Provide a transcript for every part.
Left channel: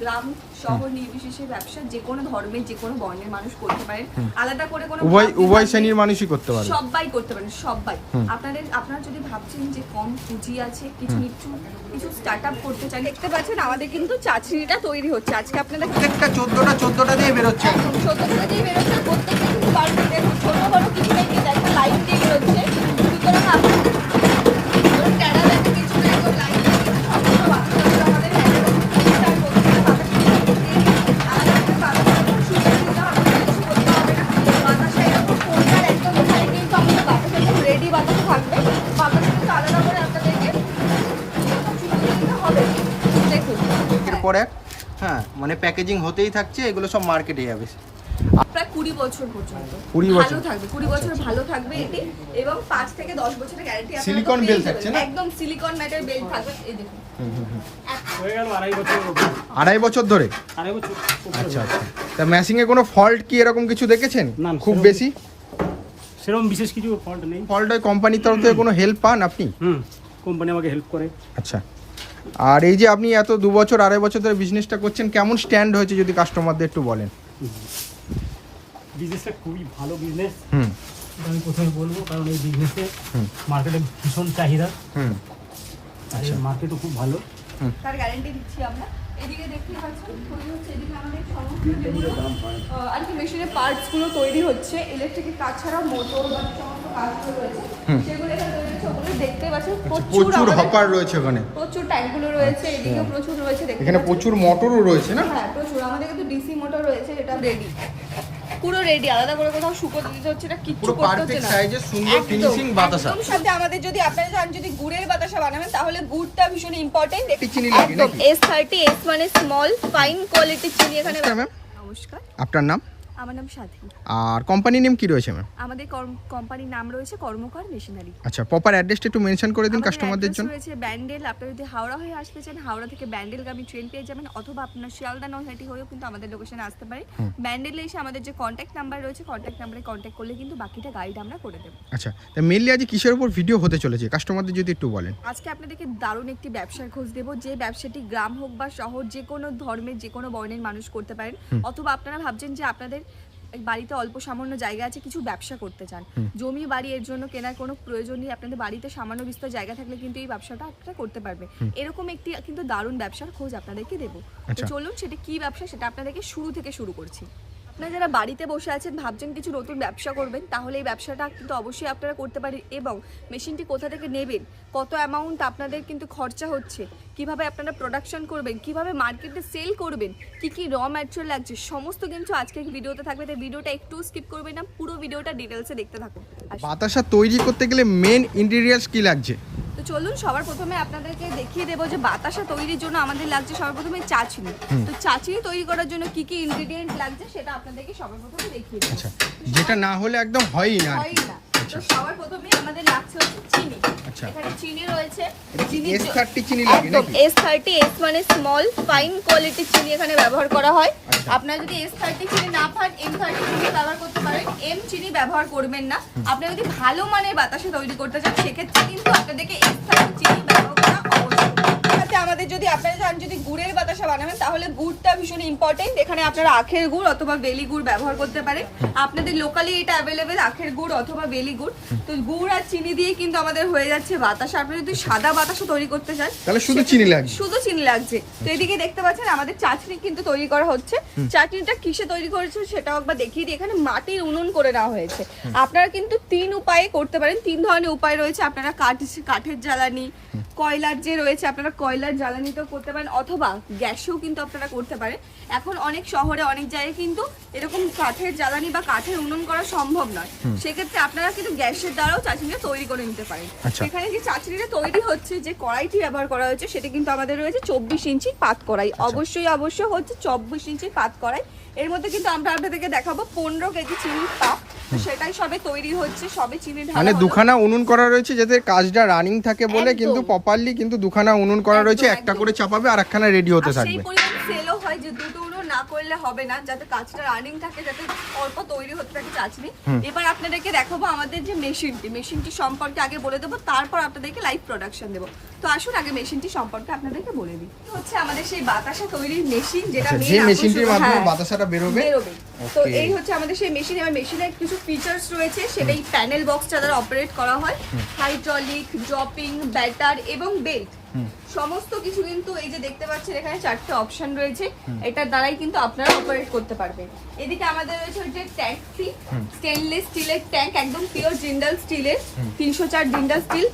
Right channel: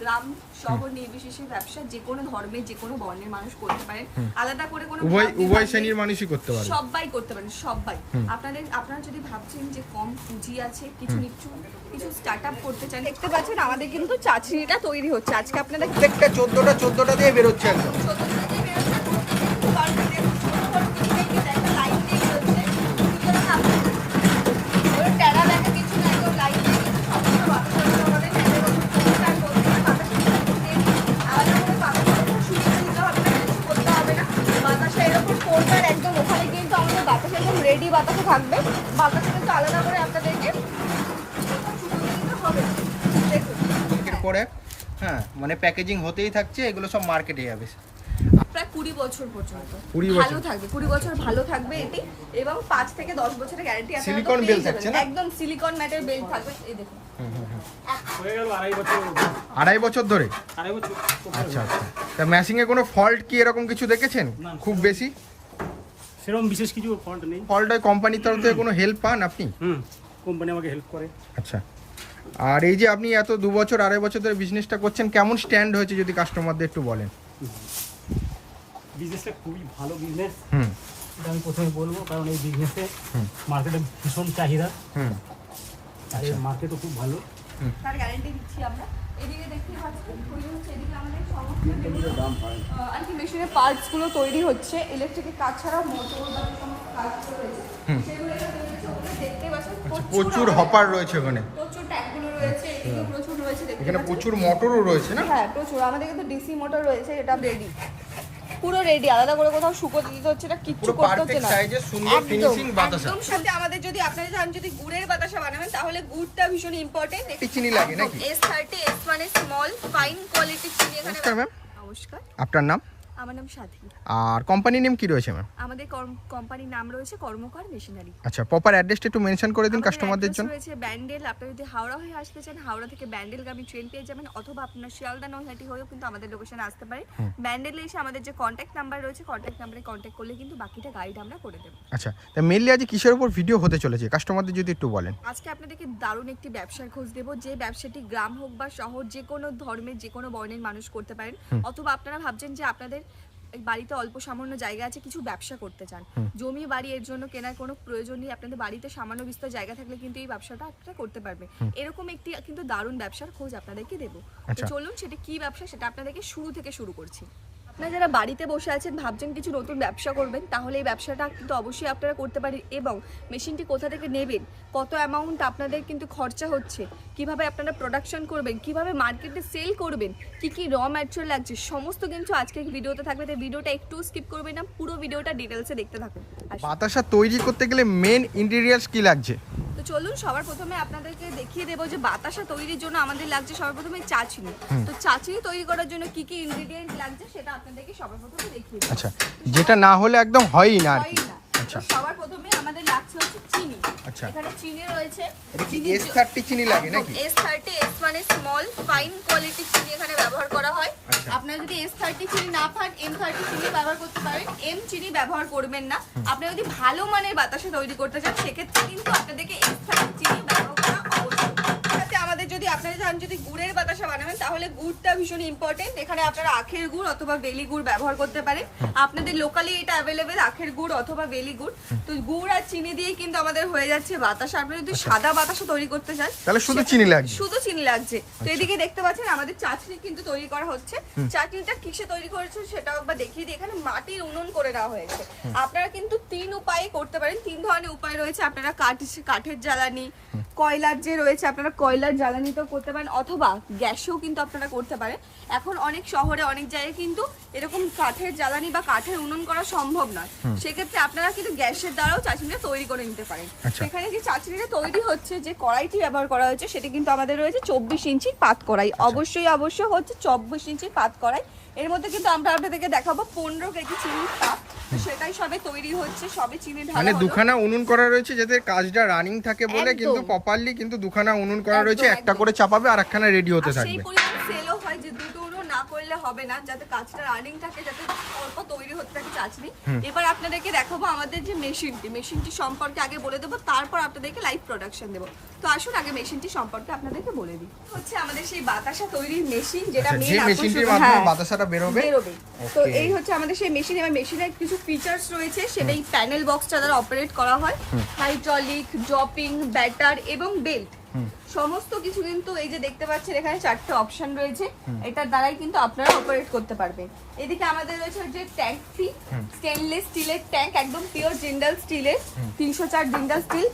গ্রাম শহর নির্বিশেষে ব্যবসা যে কোনো ধর্মের যে কোনো বর্ণের মানুষ করতে পারেন, আলাদা করে কোনো উভয় শ্রেণীর মানুষই করতে পারে, সবাই করতে পারেন, সবাই। আপনারা যদি ভাবছেন যে কম পুঁজি আছে, কিছু স্টার্ট আপ করতে চান, দেখতে পাচ্ছেন আমাদের কিন্তু চাচড়িটা তৈরি হচ্ছে আজকে। আপনাদের প্রত্যেকটা 14টা দিয়ে বেরোচ্ছে, 14টা দিয়ে বেরোচ্ছে, প্রত্যেকটা কিন্তু বাড়িতে ছোট বড় কিছু নেই, একটা লাইন দিয়ে বেরোচ্ছে। সুতরাং আপনাদের প্যারা দেখা কিছু না, একদম লাইন দিয়ে সবগুলো বাচ্চাগুলো আমাদের হ্যান্ডেল করতে স্টার্ট করতে হবে। আলাদা করে বাচ্চাগুলো শুয়ে দিতে হবে, কিছু করতে হবে না। বাতাসা এরকম কোনটার একদম এখানে কিন্তু আমাদের বাতাসা একদম রেডি বাতাসা থাকবে। বাতাসা কিন্তু আলাদা করে আপনাদেরকে শুকিয়ে দিতে হবে। দেখুন এরপরে হ্যাঁ মানে প্যাকেজিং হতেই থাকছে, এগুলো সব মার্কেটে যাবে প্রায় 20 বছর পর্যন্ত 20 বছর ভালো থাকবে, 20 বছর ভালো থাকবে এটি, এবং 5 থেকে 10 বছরের গ্যারান্টি আছে। সিলিকন বেল থাকছে না, একদম সিলিকন ম্যাটের বেল থাকবে। এই দেখুন হয়ে গেল 2.5 বছর, 2.5 বছর ধরে। 2.5 বছর। আচ্ছা আচ্ছা, তা ম্যাশিং এ কোনো ফল্ট কি এরকম কিছু দেখেছেন? না, খুব সেরকম বেশি সেরকম বিশেষ কিছু ফল্ট নেই। ফল্ট হয় কোম্পানির তরফ থেকে কোনো হেল্প পান আপনি? কোম্পানি আমাকে হেল্প করে। আচ্ছা, আর এই যে আপনি এত 2 বছর 2.5 বছর ধরে বিজনেসটা করছেন, কেমন স্ট্যান্ড হয়েছে যদি কাস্টমারদের একটু বলেন? বিজনেসটা খুবই ভালো বিজনেস, এটা আমি প্রথমে বলবো, কারণ এই বিজনেসে মার্কেটে ভীষণ চাহিদা, আর এই মার্কেটও খুব ভালো। তার গ্যারান্টি দিচ্ছি আমরা। এদিকে দেখতে পাচ্ছেন তৈরি হচ্ছে, এদিকে আমাদের সমস্ত যেগুলো আর কি মেশিনের পার্টস গুলো তৈরি হচ্ছে, ইলেকট্রিকের কাজ ছাড়াও মোটর বা যে সমস্ত কাজগুলো রয়েছে সেগুলো এখানে তৈরি হচ্ছে। ওগুলো দেখতে পাচ্ছেন প্রচুর হপার রয়েছে ওখানে, প্রচুর ট্যাঙ্কগুলো রয়েছে, এদিকেও প্রচুর রয়েছে, দেখতে এখানে পাচ্ছেন প্রচুর মোটরও রয়েছে না? হ্যাঁ প্রচুর, আমাদের কিন্তু ডিসি মোটর রয়েছে, এটা রেডি, পুরো রেডি, আলাদা করে কোথাও শুকোতে দিতে হচ্ছে না, কিচ্ছু পুরো করতে হচ্ছে পারফেক্ট না। সাইজে সুন্দর ফিনিশিং বাতাসা। একদম সাথে আমাদের যদি আপনারা চান যদি গুড়ের বাতাসা বানাবেন, তাহলে গুড়টা ভীষণ ইম্পর্টেন্ট। একটু চিনি লাগে নাকি? S30 S মানে স্মল ফাইন কোয়ালিটি চিনি এখানে। নমস্কার ম্যাম। নমস্কার, আপনার নাম? আমার নাম সাথী। আর কোম্পানি নেম কি রয়েছে ম্যাম? আমাদের কোম্পানির নাম রয়েছে কর্মকার মেশিনারি। আচ্ছা, প্রপার অ্যাড্রেসটা একটু মেনশন করে দিন আমাদের কাস্টমারদের জন্য। অ্যাড্রেস রয়েছে ব্যান্ডেল। আপনি যদি হাওড়া হয়ে আসতে চান, হাওড়া থেকে ব্যান্ডেলগামী ট্রেন পেয়ে যাবেন, অথবা আপনার শিয়ালদা নৈহাটি হয়েও কিন্তু আমাদের লোকেশনে আসতে পারে। ব্যান্ডেলে এসে আমাদের যে কন্ট্যাক্ট নাম্বার রয়েছে, কন্ট্যাক্ট নাম্বারে কন্ট্যাক্ট করলে কিন্তু বাকিটা গাইড আমরা করে দেব। আচ্ছা, তা মেনলি আজ কিসের উপর ভিডিও হতে চলেছে কাস্টমারদের যদি একটু বলেন? আজকে আপনাদেরকে দারুণ একটি ব্যবসার খোঁজ দেব, যে ব্যবসাটি গ্রাম হোক বা শহর যে কোনো ধর্মের যে কোনো বর্ণের মানুষ করতে পারেন। অথবা আপনারা ভাবছেন যে আপনাদের বাড়িতে অল্প সামান্য জায়গা আছে, কিছু ব্যবসা করতে চান, জমি বাড়ি এর জন্য কেনার কোনো প্রয়োজন নেই, আপনাদের বাড়িতে সামান্য বিস্তর জায়গা থাকলে কিন্তু এই ব্যবসাটা আপনারা করতে পারবে। এরকম একটি কিন্তু দারুণ ব্যবসার খোঁজ আপনাদেরকে দেবো। তো চলুন সেটা কি ব্যবসা সেটা আপনাদেরকে শুরু থেকে শুরু করছি। আপনারা যারা বাড়িতে বসে আছেন, ভাবছেন কিছু নতুন ব্যবসা করবেন, তাহলে এই ব্যবসাটা কিন্তু অবশ্যই আপনারা করতে পারেন। এবং মেশিনটি কোথা থেকে নেবেন, কত অ্যামাউন্ট আপনাদের কিন্তু খরচা হচ্ছে, কিভাবে আপনারা প্রোডাকশন করবেন, কিভাবে মার্কেটে সেল করবেন, কি কি র ম্যাটেরিয়াল লাগছে, সমস্ত কিন্তু আজকে ভিডিওতে থাকবে। তাই ভিডিওটা একটু স্কিপ করবেন না, পুরো ভিডিওটা ডিটেলসে দেখতে থাকুন। বাতাসা তৈরি করতে গেলে মেন ইনগ্রেডিয়েন্টস কি লাগছে? তো চলুন সবার প্রথমে আপনাদেরকে দেখিয়ে দেবো যে বাতাসা তৈরির জন্য আমাদের লাগছে সবার প্রথমে চাচিনি। তো চাচিনি তৈরি করার জন্য কি কি ইনগ্রেডিয়েন্ট লাগছে সেটা আপনাদেরকে সবার প্রথমে দেখিয়ে দেবো। আচ্ছা, যেটা না হলে একদম হয়ই না আর হয় কি। না। তো সবার প্রথমে আমাদের লাগছে হচ্ছে চিনি। আচ্ছা, এখানে চিনি রয়েছে, এটা কি S30 চিনি লাগে নাকি? S30 S মানে স্মল ফাইন কোয়ালিটি চিনি এখানে ব্যবহার করা হয়। আপনারা যদি S30 চিনি না পান, M30 চিনি ব্যবহার করতে পারেন, M চিনি ব্যবহার করবেন না। আপনারা যদি ভালো মানের বাতাসা তৈরি করতে চান, সেক্ষেত্রে কিন্তু আপনাদেরকে S30 চিনি ব্যবহার করা অবশ্যই। সাথে আমাদের যদি আপনারা চান যদি গুড়ের বাতাসা বানাবেন, তাহলে গুড়টা ভীষণ ইম্পর্টেন্ট। এখানে আপনারা আখের গুড় অথবা বেলি গুড় ব্যবহার করতে পারেন। আপনাদের লোকালি এটা অ্যাভেলেবেল, আখের গুড় অথবা বেলি গুড়। তো গুড় আর চিনি দিয়ে কিন্তু আমাদের হয়ে যাচ্ছে বাতাসা। আপনারা যদি সাদা বাতাসা তৈরি করতে চান, তাহলে শুধু চিনি লাগবে। শুধু চিনি লাগছে। তো এদিকে দেখতে পাচ্ছেন আমাদের চাটনি কিন্তু তৈরি করা হচ্ছে। চাটনিটা কিসে তৈরি করেছে সেটাও একবার দেখিয়ে দিই। এখানে মাটির উনুন করে নেওয়া হয়েছে। আপনারা কিন্তু 3 উপায়ে করতে পারেন, 3 ধরনের উপায় রয়েছে। আপনারা কাঠের জ্বালানি, কয়লার যে রয়েছে আপনারা কয়লার জ্বালানিতেও করতে পারেন, অথবা গ্যাসেও কিন্তু আপনারা করতে পারেন। এখন অনেক শহরে অনেক জায়গায় কিন্তু এরকম কাঠের জ্বালানি বা কাঠের উনুন করা সম্ভব নয়, সেক্ষেত্রে আপনারা কিন্তু গ্যাসের দ্বারাও চাটনিটা তৈরি করে নিতে পারেন। এখানে যে চাটনিটা তৈরি হচ্ছে, যে কড়াইটি ব্যবহার করা হয়েছে সেটা কিন্তু আমাদের রয়েছে 24 ইঞ্চি পাত কড়াই। অবশ্যই হচ্ছে 24 ইঞ্চি পাত কড়াই। এর মধ্যে কিন্তু আমরা আপনাদেরকে দেখাবো 15 কেজি চিনির পাত। তো সেটাই সবে তৈরি হচ্ছে, সবে চিনি ঢালা মানে হলো। দুখানা উনুন করা রয়েছে যাতে কাজটা রানিং থাকে বলে, একদম। কিন্তু প্রপারলি কিন্তু দুখানা উনুন করা রয়েছে, একদম, একটা একদম। করে চাপাবে আর একখানা রেডি হতে আর সেই থাকবে। পরিমাণ সেলও হয় যে দুটো উনুন না না করলে হবে না, যাতে কাজটা রানিং থাকে, যাতে অল্প তৈরি হতে থাকে চাচনি। এবার আপনাদেরকে দেখাবো আমাদের যে মেশিনটি সম্পর্কে আগে বলে দেবো, তারপর আপনাদেরকে লাইভ প্রোডাকশন দেবো। তো আসুন আগে মেশিনটি সম্পর্কে আপনাদেরকে বলে দিই। হচ্ছে আমাদের সেই বাতাসা তৈরির মেশিন, যেটা আচ্ছা, যে main মেশিনটির আকর্ষণ- মাধ্যমে হ্যাঁ, বাতাসাটা বেরোবে। বেরোবে। তো Okay. এই হচ্ছে আমাদের সেই মেশিন। এবার মেশিনের কিছু ফিচার্স রয়েছে, সেটা এই প্যানেল বক্সটা দ্বারা অপারেট করা হয়। হাইড্রোলিক, ড্রপিং, ব্যাটার এবং বেল্ট সমস্ত কিছু কিন্তু এই যে দেখতে পাচ্ছেন এখানে 4টে অপশন রয়েছে, এটার দ্বারাই কিন্তু আপনারা অপারেট করতে পারবেন। এদিকে আমাদের রয়েছে যে ট্যাঙ্কটি, স্টেনলেস স্টিলের ট্যাঙ্ক, একদম পিওর জিন্দাল স্টিলের, 304 জিন্দাল স্টিল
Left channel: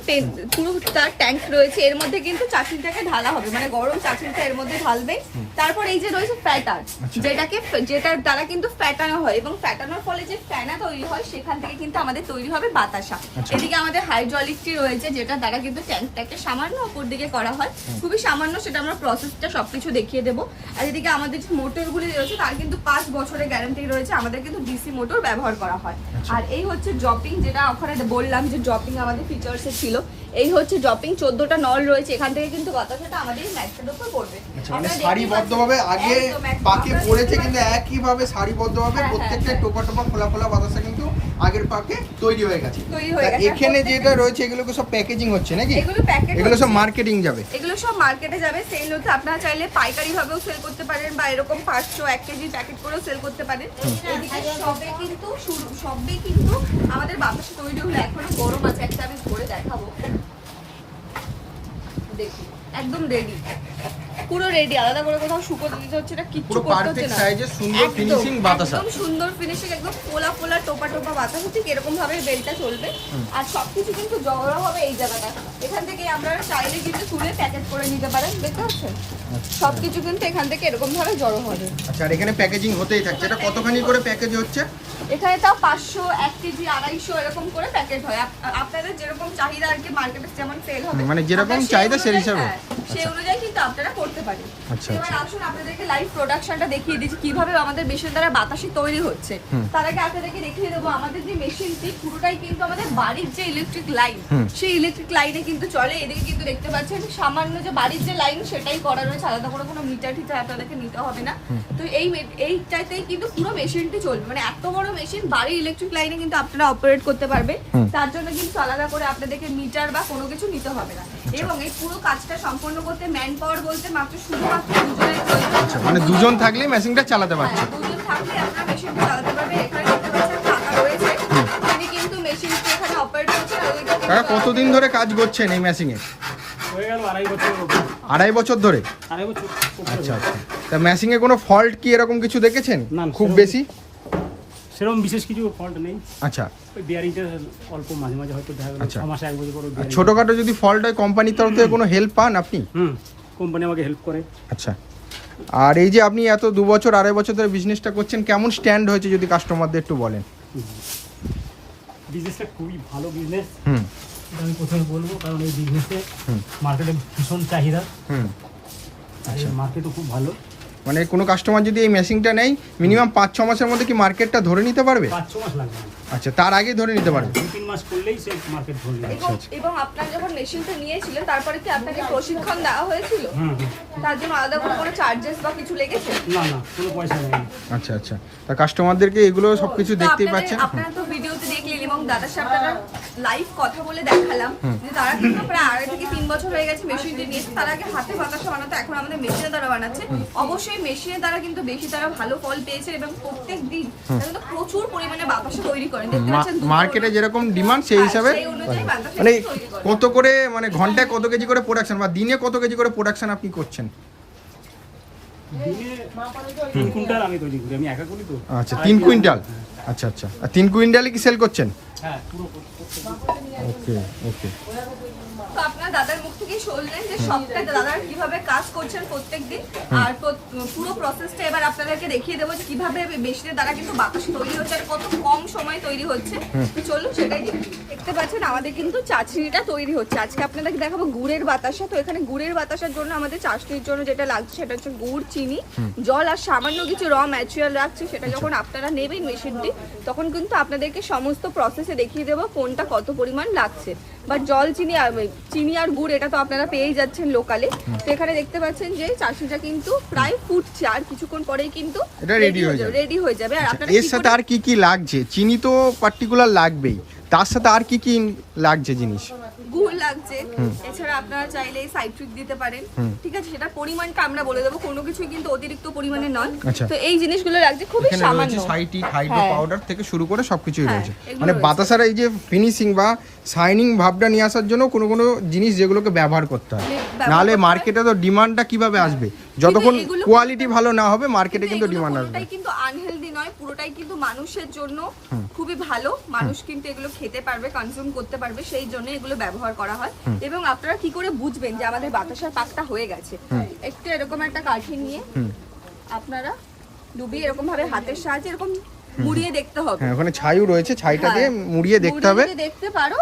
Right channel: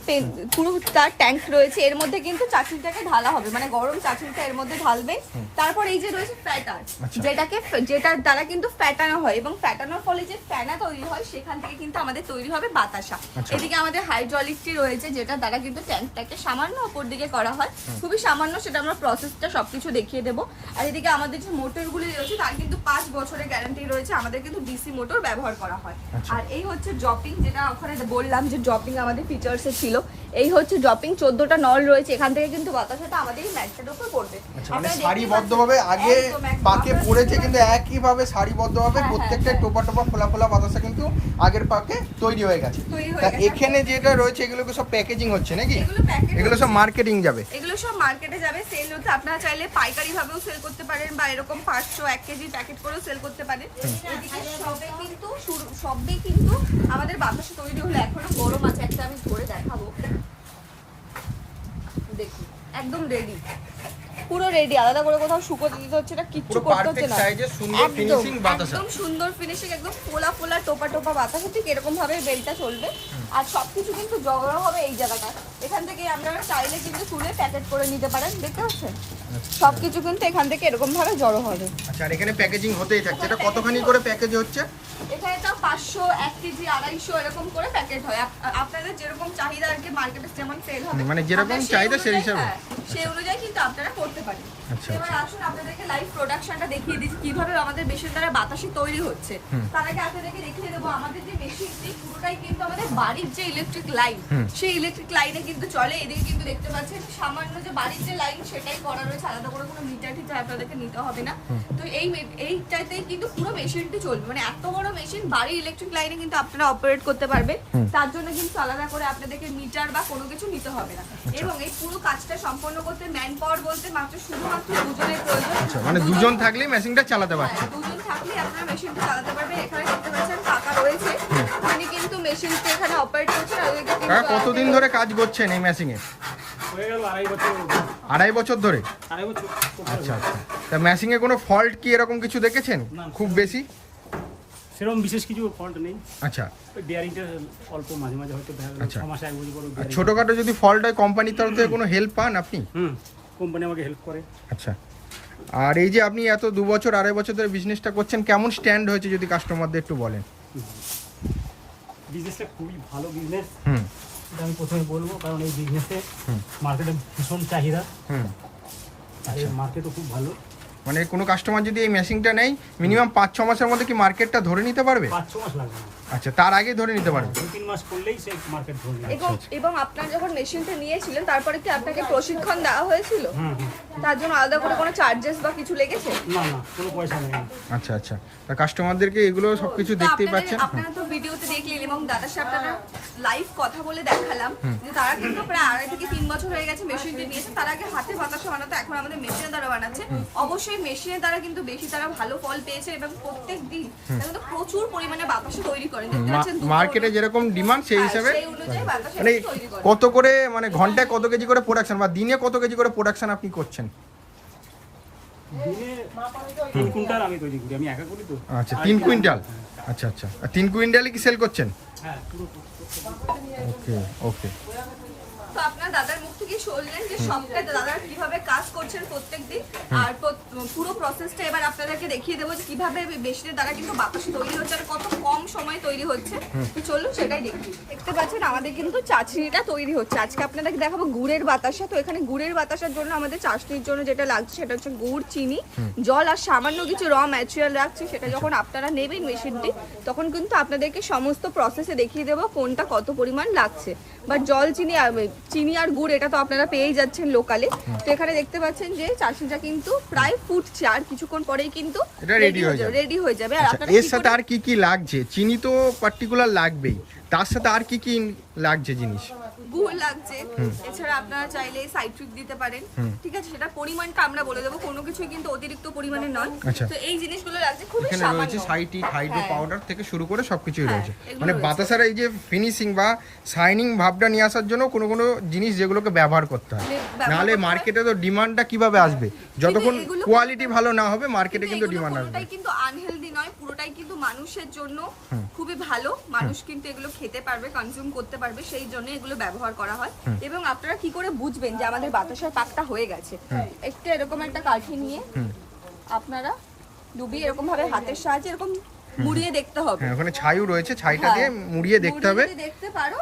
পুরো তার ট্যাঙ্ক রয়েছে। এর মধ্যে কিন্তু চাটনিটাকে ঢালা হবে, মানে গরম চাটনিটা এর মধ্যে ঢালবে। তারপর এই যে রয়েছে ফ্যাটার, যেটার দ্বারা কিন্তু ফ্যাটানো হয়, এবং ফ্যাটানোর ফলে যে ফেনা তৈরি হয় সেখান থেকে কিন্তু আমাদের তৈরি হবে বাতাসা। এদিকে আমাদের হাইড্রোলিকটি রয়েছে, যেটা দ্বারা কিন্তু ট্যাঙ্কটাকে সামান্য উপর দিকে করা হয়, খুবই সামান্য, সেটা আমরা প্রসেসটা সবকিছু দেখিয়ে দেবো। আর এদিকে আমাদের যে মোটরগুলি রয়েছে তার কিন্তু 5 বছরের গ্যারান্টি রয়েছে, আমাদের কিন্তু ডিসি মোটর ব্যবহার করা হয়। আর এই হচ্ছে ড্রপিং, যেটা ওখানে বললাম যে ড্রপিং আমাদের ফিচার্সে ছিল। এই হচ্ছে ড্রপিং, 14টা নল রয়েছে, এখান থেকে কিন্তু বাতাসাটা আমাদের ম্যাটটার উপর পড়বে। আচ্ছা, মানে সারিবদ্ধভাবে আগে পাকে পড়েছে, কিন্তু একইভাবে সারিবদ্ধভাবে প্রত্যেকটা টোপা টোপা ফোলা ফোলা বাতাসা কিন্তু আগের পাকে তৈরি হয়ে গেছে। এখানে যেটা রয়েছে এগুলোকে সব প্যাকেজিং হচ্ছে নাকি? এগুলো সব মার্কেটিং যাবে, এগুলো সব মার্কেটে যাবে, সেল হতে। আপনারা চাইলে পাইকারি ভাবেও সেল করতে পারেন, বা এরকম 500 1 কেজি প্যাকেট করেও সেল করতে পারেন। এদিকে সবে কিন্তু আমাদের বাতাসা তৈরি হলে এখনো গরম আছে, একটা আমি ধরে দেখাবো। দেখুন একদম রেডি, পুরো রেডি, আলাদা করে কোথাও শুকোতে দিতে হচ্ছে না, কিচ্ছু পুরো করতে হচ্ছে পারফেক্ট না। সাইজে সুন্দর ফিনিশিং বাতাসা। একদম সুন্দর ফিনিশিং, একদম ফোলা ফোলা টোপা টোপা বাতাসা, ঠিক এরকম ভাবে বেলটা চলবে। আর সবকিছু কিন্তু জড়ো হবে এই জায়গাটা, এখান থেকে আপনারা চাইলে কিন্তু তুলে প্যাকেট করে নিতে পারেন। দেখতে পাচ্ছেন সবকিছু কিন্তু এখান থেকে এরকম ভাবে জড়ো হবে। আচ্ছা, আর এখানে প্যাকেজিং হতেই থাকছে। এটা কতখানি করে প্যাকেজ হচ্ছে? এখানে তাও 500 1 কেজি 250 এরকম করে প্যাকেট হয়। আপনাদের যেরকম চাহিদা আর কি, মার্কেটে যেমন সেল হবে, মানে যেরকম চাহিদা সেই হিসাবে? সেই অনুযায়ী কিন্তু আপনারা করতে পারেন। আচ্ছা, এবার আসুন আপনাদেরকে লাইভ প্রোডাকশনটা দেখিয়ে দিচ্ছি, কিভাবে আমাদের মেশিন দ্বারা বাতাসি তৈরি হচ্ছে। তার আগে আপনাদেরকে দেখিয়ে দেবো আমাদের যে মেশিনটি পুরোটাই কিন্তু আমাদের বাড়ির যে ইলেকট্রিক লাইন, সেই ইলেকট্রিক লাইনে কিন্তু চলে। এদিকে কিন্তু দেখতে পাচ্ছেন সামান্য যে বাড়ির যে লাইন সেটাই করা রয়েছে, আলাদা করে কোনো মিটার টিটার আপনাদেরকে নিতে হবে না। তো এইটাতেই কিন্তু পুরো মেশিনটি চলবে, মানে এত বড় মেশিন বাড়ির ইলেকট্রিক লাইনে কিন্তু আপনারা অপারেট করতে পারবেন। তার জন্য কিন্তু আলাদা করে আপনাদেরকে মিটার বা কোনো কিছু নিতে হবে না। এবং এই পুরো কাজটা সম্পন্ন করতে ম্যান পাওয়ার বলতে শুধুমাত্র দুজনের প্রয়োজন। আচ্ছা, মানে দুজন থাকলেই মেশিনটা চালাতে পারছে। হ্যাঁ, দুজন থাকলে আপনারা মেশিনটি চালাতে পারবেন। এখানে দেখতে পাচ্ছেন কাকা রয়েছে, উনি কিন্তু মেশিনটি এখানে অপারেট করছেন। কাকা কতদিন ধরে কাজ করছেন এই মেশিনে? হয়ে গেল 2.5 বছর। 2.5 বছর ধরে? 2.5 বছর। আচ্ছা আচ্ছা, তা মেশিনে কোনো ফল্ট কি এরকম কিছু দেখেছেন না, খুব সেরকম- বেশি? সেরকম বিশেষ কিছু ফল্ট নেই। আচ্ছা, ওই বিয়ারিংটা অল্প মাঝে মাঝে হয়তো দেখা গেল আচ্ছা। 6 মাসে 1 বছর পরে আর ছোটখাটো যদি ফল্ট হয় কোম্পানির তরফ থেকে কোনো হেল্প পান আপনি? কোম্পানি আমাকে হেল্প করে। আচ্ছা, আর এই যে আপনি এত 2 বছর 2.5 বছর ধরে বিজনেসটা করছেন, কেমন স্ট্যান্ড হয়েছে যদি কাস্টমারদের একটু বলেন? বিজনেসটা খুবই ভালো বিজনেস, হুম এটা আমি প্রথমে বলবো, কারণ এই বিজনেসে মার্কেটে ভীষণ চাহিদা, হুম আর এই মার্কেটও খুব ভালো। মানে কোনো কাস্টমার যদি এই মেশিনটা নেয় মিনিমাম 5-6 মাসের মধ্যে কি মার্কেটটা ধরে নিতে পারবে? 5-6 মাস লাগবে না, আচ্ছা, তার আগে ধরে নিতে পারবে? 2-3 মাস করলেই সে মার্কেট ধরে নেবে। এবং আপনার যখন মেশিনটা নিয়েছিলেন তারপরে কি আপনাকে প্রশিক্ষণ দেওয়া হয়েছিল? তার জন্য আলাদা করে কোনো চার্জেস বা কিছু লেগেছে? না না, কোনো পয়সা নেই। আচ্ছা আচ্ছা, তা কাস্টমারদেরকে এগুলো সবকিছু তো দেখতেই পাচ্ছেন। আপনারা তো ভিডিওতে দেখলেন, এবং দাদার সাথে লাইভ কথা বলে দেখালাম যে তারা কিন্তু প্রায় 2.5 থেকে 3 বছর হয়ে গেছে মেশিনটি নিয়েছে। তার আগে হাতে বাতাসা বানাতো, এখন আমাদের মেশিনের দ্বারা বানাচ্ছে। অবশ্যই মেশিনের দ্বারা কিন্তু বেশি তারা ভালো ফল পেয়েছে, এবং প্রত্যেক দিন তারা কিন্তু প্রচুর পরিমাণে বাতাসা তৈরি করেন। দেখতে পাচ্ছেন মার্কেটে যেরকম ডিমান্ড সেই হিসাবে সেই অনুযায়ী বাতাসা মানে তৈরি করেন। কত করে, মানে ঘন্টায় কত কেজি করে প্রোডাকশন বা দিনে কত কেজি করে প্রোডাকশন আপনি করছেন? দিনে 3 কুইন্টাল আমি তৈরি করি, আমি একা করি তো। আচ্ছা, 3 কুইন্টাল। আচ্ছা আচ্ছা, আর 3 কুইন্টালই কি সেল করছেন? হ্যাঁ, পুরো ওকে ওকে। তো আপনার দাদার মুখ থেকে শুনলেন যে সবটা দাদা কিভাবে কাজ করছেন প্রত্যেকদিন, আর পুরো প্রসেসটা এবার আপনাদেরকে দেখিয়ে দেবো যে কিভাবে মেশিনের দ্বারা কিন্তু বাতাস তৈরি হচ্ছে আর কত কম সময় তৈরি হচ্ছে। তো চলুন সেটাই দেখি। দেখতে পাচ্ছেন আমাদের কিন্তু চাটনিটা তৈরি হচ্ছে। আজকে আপনাদেরকে দেখাবো গুড়ের বাতাসা। তো এখানে গুড়ের বাতাসার জন্য আমাদের চাটনির জন্য যেটা লাগছে সেটা হচ্ছে গুড়, চিনি, জল আর সামান্য কিছু র ম্যাটেরিয়াল রাখছে। সেটা যখন আপনারা নেবেন মেশিনটি তখন কিন্তু আপনাদেরকে সমস্ত প্রসেসে দেখিয়ে দেবো কোনটা কত পরিমাণ লাগছে। বা জল, চিনি আর গুড় এটা তো আপনারা পেয়েই যাচ্ছেন লোকালে। তো এখানে দেখতে পাচ্ছেন যে চাশনিটা কিন্তু প্রায় ফুটছে, আর কিছুক্ষণ পরেই কিন্তু এটা রেডি হয়ে যাবে। আর আপনারা এর সাথে আর কি কি লাগছে? চিনি তো পার্টিকুলার লাগবেই, তার সাথে আর কি কি লাগছে জিনিস? গুড় লাগছে, এছাড়া আপনারা চাইলে সাইট্রিক দিতে পারেন, ঠিক আছে, সেটা পরিমাণটা আমরা বলে দেবো, কোনো কিছুই কিন্তু অতিরিক্ত পরিমাণে নয়। তো এই জিনিসগুলো লাগছে খুবই সামান্য। এখানে রয়েছে সাইট্রিক, হাইড্রো পাউডার থেকে শুরু করে সবকিছুই রয়েছে। মানে বাতাসার এই যে ফিনিশিং বা শাইনিং ভাবটা নিয়ে আসার জন্য কোনো কোনো জিনিস যেগুলোকে ব্যবহার করতে হয়, নাহলে মার্কেটে তো ডিমান্ডটা কিভাবে আসবে? যতক্ষণ কোয়ালিটি ভালো না হবে মার্কেটে কিন্তু ডিমান্ড আসবে। পুরোটাই কিন্তু আনহেলদি নয়, পুরোটাই কিন্তু মানুষের জন্য খুবই ভালো। মানুষ কিন্তু এগুলো খেতে পারবে, কনজিউম করতে পারবে, সেই জন্য এগুলো ব্যবহার করা হয়। এবং আপনারা কি করে বুঝবেন যে আমাদের বাতাসার পাকটা হয়ে গেছে? একটু এরকম একটা কাঠি নিয়ে আপনারা ডুবিয়ে এরকম ভাবে হাতের সাহায্যে এরকম মুড়িয়ে দেখতে হবে। হ্যাঁ, ওখানে ছাইও রয়েছে, ছাইটা দিয়ে মুড়িয়ে দেখতে হবে। যদি দেখতে পারো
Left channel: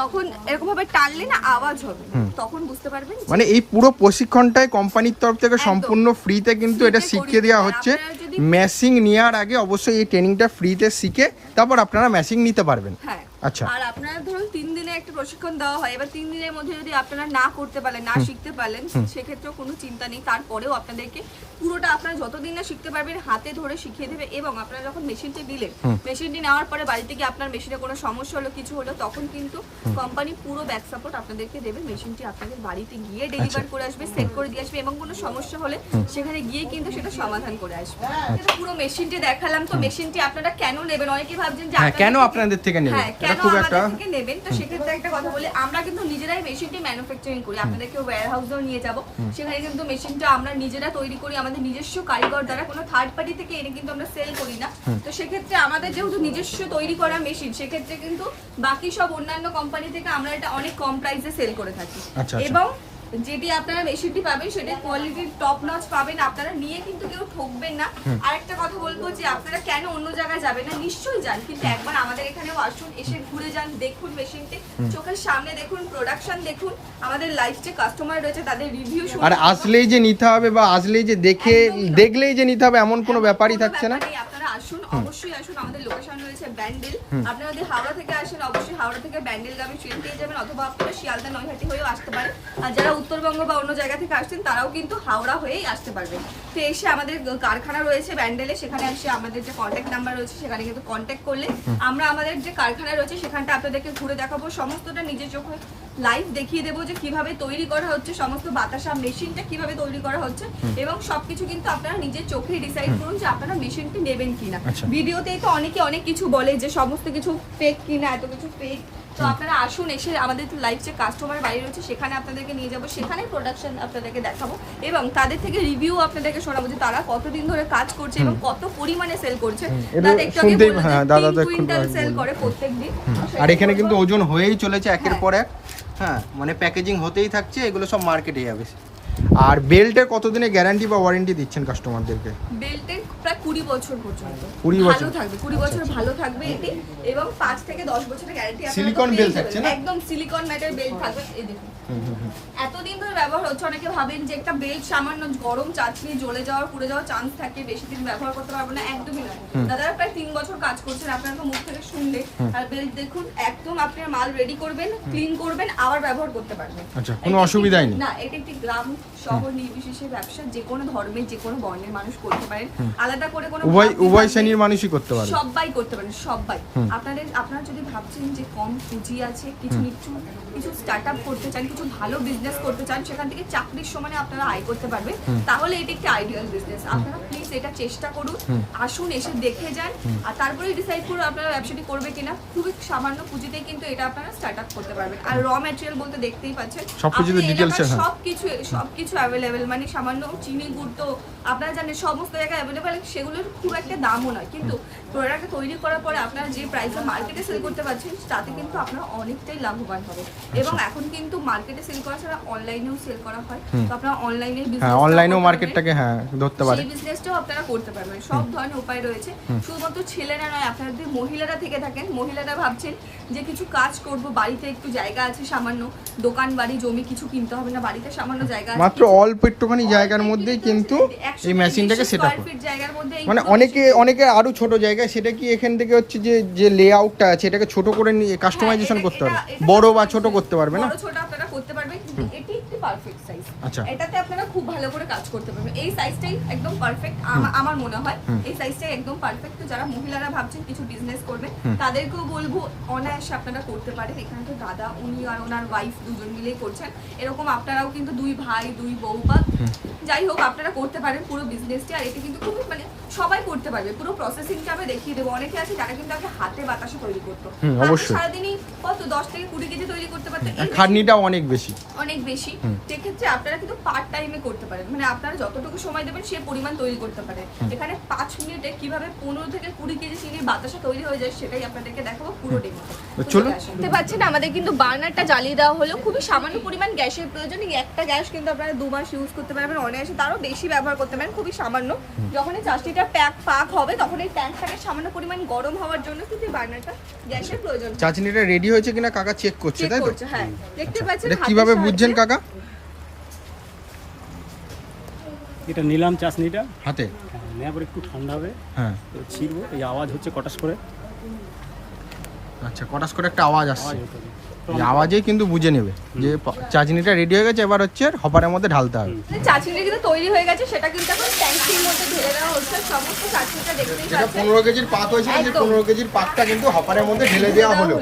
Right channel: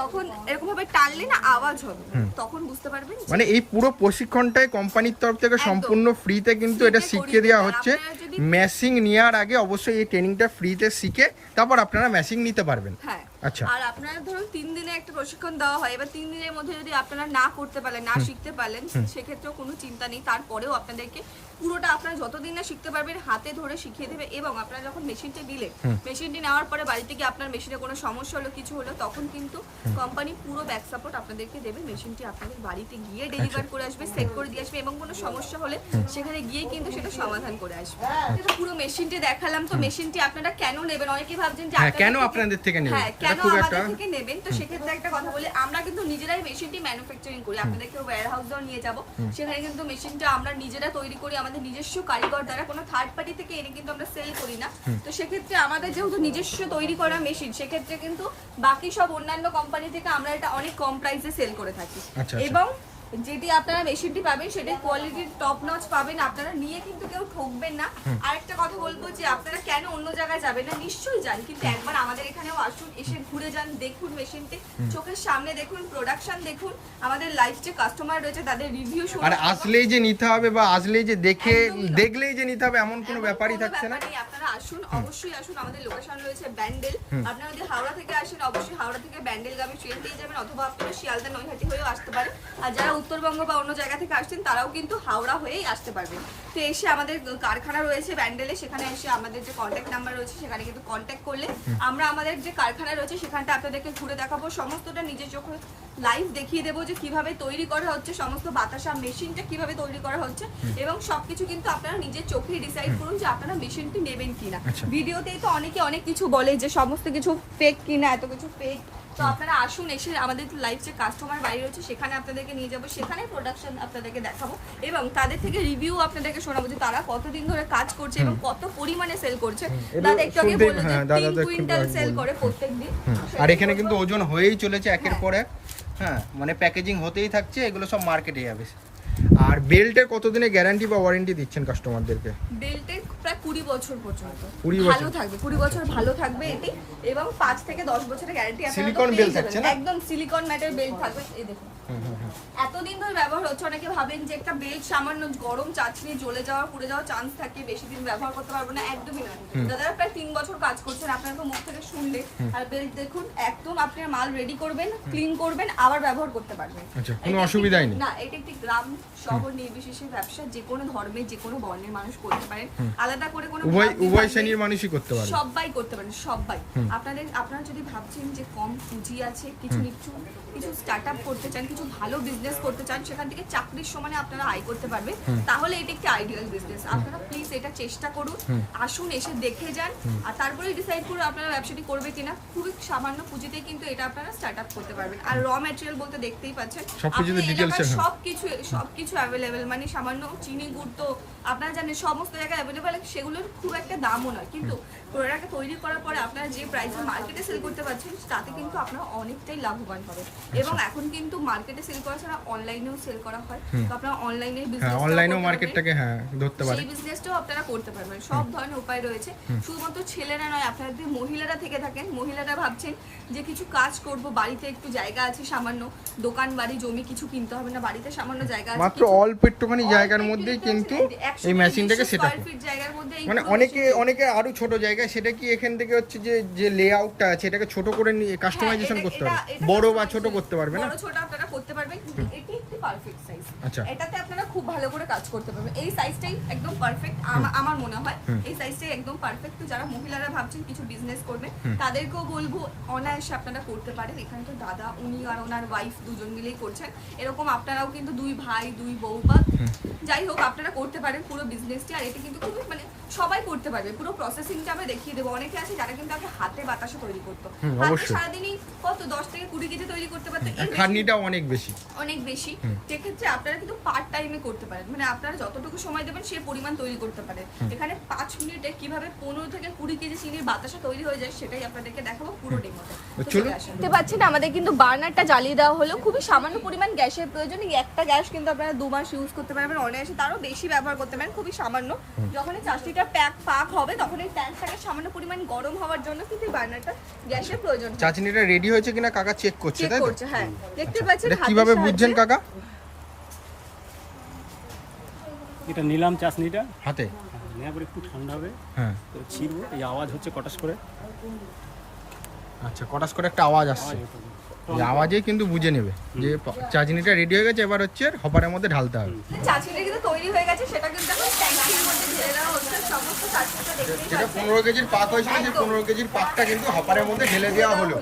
তখন এরকম ভাবে টানলে না আওয়াজ হবে, তখন বুঝতে পারবেন। মানে এই পুরো প্রশিক্ষণটাই কোম্পানির তরফ থেকে সম্পূর্ণ ফ্রিতে কিন্তু এটা শিখিয়ে দেওয়া হচ্ছে। মেশিং নেওয়ার আগে অবশ্যই এই ট্রেনিংটা ফ্রিতে শিখে তারপর আপনারা মেশিং নিতে পারবেন। হ্যাঁ, আচ্ছা। আর আপনারা ধরুন 3 দিনে একটা প্রশিক্ষণ দেওয়া হয়, এবার 3 দিনের মধ্যে যদি আপনারা না করতে পারলেন, না শিখতে পারলেন, সেক্ষেত্রেও কোনো চিন্তা নেই। তারপরেও আপনাদেরকে পুরোটা আপনারা যতদিন না শিখতে পারবেন হাতে ধরে শিখিয়ে দেবে। এবং আপনারা যখন মেশিনটি দিলেন, মেশিনটি নেওয়ার পরে বাড়িতে গিয়ে আপনার মেশিনে কোনো সমস্যা হলো, কিছু হলো, তখন কিন্তু কোম্পানি পুরো ব্যাক সাপোর্ট আপনাদেরকে দেবে। মেশিনটি আপনাদের বাড়িতে গিয়ে ডেলিভার করে আসবে, সেট করে দিয়ে আসবে, এবং কোনো সমস্যা হলে সেখানে গিয়ে কিন্তু সেটা সমাধান করে আসবে। এটা পুরো মেশিনটি দেখালাম। তো মেশিনটি আপনারা কেন নেবেন? অনেকে ভাবছেন যে কেন আপনাদের থেকে নেবেন, হ্যাঁ, কেন আমাদের থেকে নেবেন? তো সেক্ষেত্রে একটা কথা বলি, আমরা কিন্তু নিজেরাই মেশিনটি ম্যানুফ্যাকচারিং করি। আপনাদেরকে ওয়্যারহাউসেও নিয়ে যাব, সেখানে কিন্তু মেশিনটা আমরা নিজেরা তৈরি করি, আমাদের নিজস্ব কারিগর দ্বারা, কোনো থার্ড পার্টি থেকে এনে কিন্তু আমরা সেল করি না। তো সেক্ষেত্রে আমাদের যেহেতু নিজস্ব তৈরি করা মেশিন, সেক্ষেত্রে কিন্তু বাকি সব অন্যান্য কোম্পানি থেকে আমরা এটা অনেক কম প্রাইসে সেল করে থাকি। এবং যেটি আপনারা মেশিনটি পাবেন সেটি কোয়ালিটির টপ নচ পাবেন, আপনারা নিয়ে কিন্তু কেউ ঠকবেন না। আরেকটা কথা বলবো যে আপনারা কেন অন্য জায়গায় যাবেন না, নিশ্চয়ই যান, কিন্তু একবার আমাদের এখানেও আসুন, এসে ঘুরে যান, দেখুন মেশিনটি, চোখের সামনে দেখুন, প্রোডাকশন দেখুন, আমাদের লাইভ যে কাস্টমার রয়েছে তাদের রিভিউ শুনুন। আর আসলেই যে নিতে হবে বা আসলেই যে দেখলেই যে নিতে হবে এমন কোনো ব্যাপারই থাকছে না। আপনারা আসুন, অবশ্যই আসুন। আমাদের লোকেশন রয়েছে ব্যান্ডেল। আপনারা যদি হাওড়া থেকে আসেন, অবশ্যই হাওড়া থেকে ব্যান্ডেলগামী ট্রেন পেয়ে যাবেন, অথবা আপনারা শিয়ালদা নৈহাটি হয়েও আসতে পারেন। আর যারা উত্তরবঙ্গ বা অন্য জায়গা থেকে আসছেন তারাও কিন্তু হাওড়া হয়েই আসতে পারবেন। তো এসে আমাদের কারখানা রয়েছে ব্যান্ডেলে, সেখানে এসে আমাদের যে কন্ট্যাক্ট নাম্বার রয়েছে সেখানে কিন্তু কন্ট্যাক্ট করলে আমরা আমাদের যে কারখানা রয়েছে সেখানটা আপনাদেরকে ঘুরে দেখাবো, সমস্তটা নিজের চোখে লাইভ দেখিয়ে দেবো যে কিভাবে তৈরি করা হচ্ছে, সমস্ত বাতাসা মেশিনটা কিভাবে তৈরি করা হচ্ছে, এবং সবকিছু কিন্তু আপনারা নিজের চোখে ডিসাইড করুন যে আপনারা মেশিনটি নেবেন কিনা। ভিডিওতেই তো অনেকে অনেক কিছু বলে যে সমস্ত কিছু ফেক কিনা, এত কিছু ফেক। তো আপনারা আসুন, এসে আমাদের লাইভ যে কাস্টমার বাড়ি রয়েছে সেখানে আপনাদেরকে নিয়ে যাবো, সেখানে প্রোডাকশন আপনাদেরকে দেখাবো, এবং তাদের থেকে রিভিউ আপনাদেরকে শোনাবো যে তারা কতদিন ধরে কাজ করছে এবং কত পরিমাণে সেল করছে। দাদা একটু আগে বললো যে 3 কুইন্টাল সেল করে প্রত্যেকদিন। আর এখানে কিন্তু ওজন হয়েই চলেছে একের পর এক। হ্যাঁ, মানে প্যাকেজিং হতেই থাকছে, এগুলো সব মার্কেটে যাবে। আর বেল্টের কতদিনের গ্যারান্টি বা ওয়ারেন্টি দিচ্ছেন কাস্টমারদেরকে? বেল্টের প্রায় 20 বছর পর্যন্ত 20 বছর ভালো থাকবে, 20 বছর ভালো থাকবে এটি, এবং 5 থেকে 10 বছরের গ্যারান্টি আছে। সিলিকন বেল্ট থাকছে না? একদম সিলিকন ম্যাটের বেল্ট থাকবে। এই দেখুন, এতদিন ধরে ব্যবহার হচ্ছে। অনেকে ভাবেন যে একটা বেল্ট সামান্য গরম চাটনি জ্বলে যাওয়ার, পুড়ে যাওয়ার চান্স থাকে, বেশি দিন ব্যবহার করতে পারবো না, একদমই নয়। দাদারা প্রায় 3 বছর কাজ করছেন, আপনারা তো মুখ থেকে শুনলে। আর বেল্ট দেখুন, একদম আপনার মাল রেডি করবেন, ক্লিন করবেন, আবার ব্যবহার করতে পারবেন। আচ্ছা, কোনো অসুবিধাই নেই। না, এটা একটি গ্রাম শহর নির্বিশেষে ব্যবসা, যে কোনো ধর্মের যে কোনো বর্ণের মানুষ করতে পারেন, আলাদা করে কোনো উভয় শ্রেণীর মানুষই করতে পারে, সবাই করতে পারেন, সবাই। আপনারা যদি ভাবছেন যে কম পুঁজি আছে, কিছু স্টার্টআপ করতে চান, কিছু ভালো বিজনেস করতে চান, সেখান থেকে চাকরির সমানে আপনারা আয় করতে পারবেন, তাহলে এটা একটি আইডিয়াল বিজনেস। আপনারা প্লিজ এটা চেষ্টা করুন, আসুন, এসে দেখে যান, আর তারপরে ডিসাইড করুন আপনারা ব্যবসাটি করবে কিনা। খুবই সামান্য পুঁজিতেই কিন্তু এটা আপনারা স্টার্টআপ করতে পারবেন। আর র ম্যাটেরিয়াল বলতে দেখতেই পাচ্ছেন, সবকিছু অ্যাভেলেবেল, মানে সামান্য চিনি গুড় তো আপনারা জানেন সমস্ত জায়গায় অ্যাভেলেবেল, সেগুলোর খুব একটা দামও নয়, কিন্তু প্রোডাক্ট তৈরি করার পরে আপনারা যে প্রাইসে মার্কেটে সেল করতে পারছেন তাতে কিন্তু আপনারা অনেকটাই লাভবান হবে। এবং এখন কিন্তু মার্কেটে সেল করা ছাড়া অনলাইনেও সেল করা হয়, তো আপনারা অনলাইনে হ্যাঁ অনলাইনেও মার্কেটটাকে হ্যাঁ ধরতে পারে, সেই বিজনেসটাও আপনারা করতে পারবেন। সব ধরনের উপায় রয়েছে, শুধুমাত্র ছেলেরা নয়, আপনারা যদি মহিলারা থেকে থাকেন, মহিলারা ভাবছেন যে কিছু কাজ করব, বাড়িতে একটু জায়গা আছে সামান্য, দোকান বাড়ি জমি কিছু কিনতে হবে না, বাড়িতে সামান্য জায়গা আছে, মাত্র অল্প একটুখানি জায়গার মধ্যেই কিন্তু এই মেশিনটাকে সেট আপ ফিট জায়গার মধ্যে মানে অনেকে আরো ছোট জায়গায়, সেটা কি এখান থেকে হচ্ছে যে লেআউটটা আছে এটাকে ছোট করে কাস্টমাইজেশন করতে হবে, বড় বা ছোট করতে পারবে না, বড় ছোট আপনারা করতে পারবেন, কিন্তু এটি একটি পারফেক্ট সাইজ। আচ্ছা, এটাতে আপনারা খুব ভালো করে কাজ করতে পারবেন, এই সাইজটাই একদম পারফেক্ট আমার মনে হয়, এই সাইজটাই একদম পারফেক্ট। তো যারা মহিলারা ভাবছেন কিছু বিজনেস করবেন, তাদেরকেও বলবো অনায়াসে আপনারা করতে পারেন। এখানে তো দাদা উনি আর ওনার ওয়াইফ দুজন মিলেই করছেন, এরকম আপনারাও কিন্তু 2 ভাই 2 বউ বা যাই হোক আপনারা করতে পারেন পুরো বিজনেসটি। আর এটা কিন্তু খুবই মানে সবাই করতে পারবে, পুরো প্রসেসিংটা আমি দেখিয়ে দেবো। অনেকে আছে যারা কিন্তু আগে হাতে বাতাসা তৈরি করতো, হাতে সারাদিনই কত 10 থেকে 20 কেজি তৈরি করতে পারতো, খাটনিটা অনেক বেশি। সেক্ষেত্রে আপনারা কিন্তু পার্ট টাইমে করতে পারেন, মানে আপনারা যতটুকু সময় দেবেন সেই পরিমাণ তৈরি করতে পারেন। এখানে 5 মিনিটে কিভাবে 15 থেকে 20 কেজি চিনির বাতাসা তৈরি হয়ে যায় সেটাই আপনাদেরকে দেখাবো পুরো ডেমোতে। দেখতে পাচ্ছেন আমাদের কিন্তু বার্নারটা জ্বালিয়ে দেওয়া হলো, খুবই সামান্য পরিমাণ গ্যাসের প্রয়োজন। একটা গ্যাস কিন্তু আপনারা 2 মাস ইউজ করতে পারবেন অনায়াসে, তারও বেশি ব্যবহার করতে পারেন, খুবই সামান্য। যখন এই চাষটিটা পাক হবে তখন এই ট্যাঙ্কটাকে সামান্য পরিমাণ গরম হওয়ার জন্য কিন্তু বার্নারটা গ্যাসের প্রয়োজন। চাটনিটা রেডি হয়েছে কিনা কাকা চেক করছে, তাই তো? হ্যাঁ, দেখতে পাচ্ছেন। এটা কিভাবে বুঝছেন কাকা? এটা নিলাম চাটনিটা হাতে, নেওয়ার পর একটু ঠান্ডা হবে, হ্যাঁ তো ছিড়বো, এই আওয়াজ হচ্ছে কটাস করে, আচ্ছা কটাস করে একটা আওয়াজ আসছে, আওয়াজ হতে হবে। এই আওয়াজেই কিন্তু বুঝে নেবে যে চাটনিটা রেডি হয়ে গেছে। এবার হচ্ছে হপারের মধ্যে ঢালতে হবে। চাটনিটা কিন্তু তৈরি হয়ে গেছে, সেটা কিন্তু এখন ট্যাঙ্কির মধ্যে ঢেলে দেওয়া হচ্ছে। সমস্ত চাটনিটা দেখতে এটা 15 কেজির পাক হয়েছিল, যে 15 কেজির পাকটা কিন্তু হপারের মধ্যে ঢেলে দেওয়া হলো।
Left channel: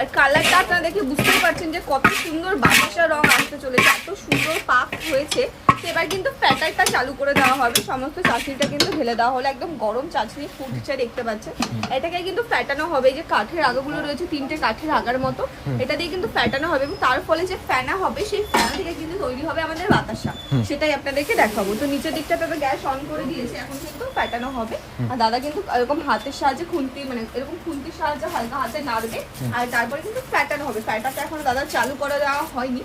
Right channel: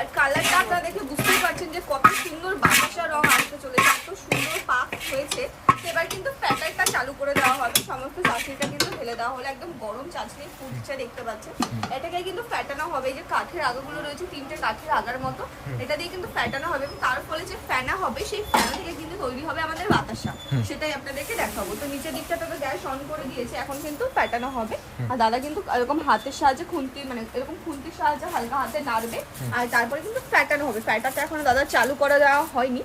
আর কালারটা আপনারা দেখে বুঝতে পারছেন যে কত সুন্দর বাতাসা রং আসতে চলেছে, এত সুন্দর পাক হয়েছে। এবার কিন্তু ফ্যাটারটা চালু করে দেওয়া হবে, সমস্ত চাটনিটা কিন্তু ঢেলে দেওয়া হলো, একদম গরম চাটনি ফুটছে দেখতে পাচ্ছেন। এটাকে কিন্তু ফ্যাটানো হবে, এই যে কাঠের আগাগুলো রয়েছে 3টে কাঠের আগার মতো, এটা দিয়ে কিন্তু ফ্যাটানো হবে এবং তার ফলে যে ফেনা হবে সেই ফেনা থেকে কিন্তু তৈরি হবে আমাদের বাতাসা, সেটাই আপনাদেরকে দেখাবো। তো নিচের দিকটা আপনারা গ্যাস অন করে দিয়েছে, এখন কিন্তু ফ্যাটানো হবে। আর দাদা কিন্তু এরকম হাতের সাহায্যে খুন্তি, মানে এরকম খুন্তির সাহায্যে হালকা হাতে নাড়বে, আর তারপরে কিন্তু ফ্যাটানো হবে। ফ্যাটাটা এখন দাদা চালু করে দেওয়া হয়নি,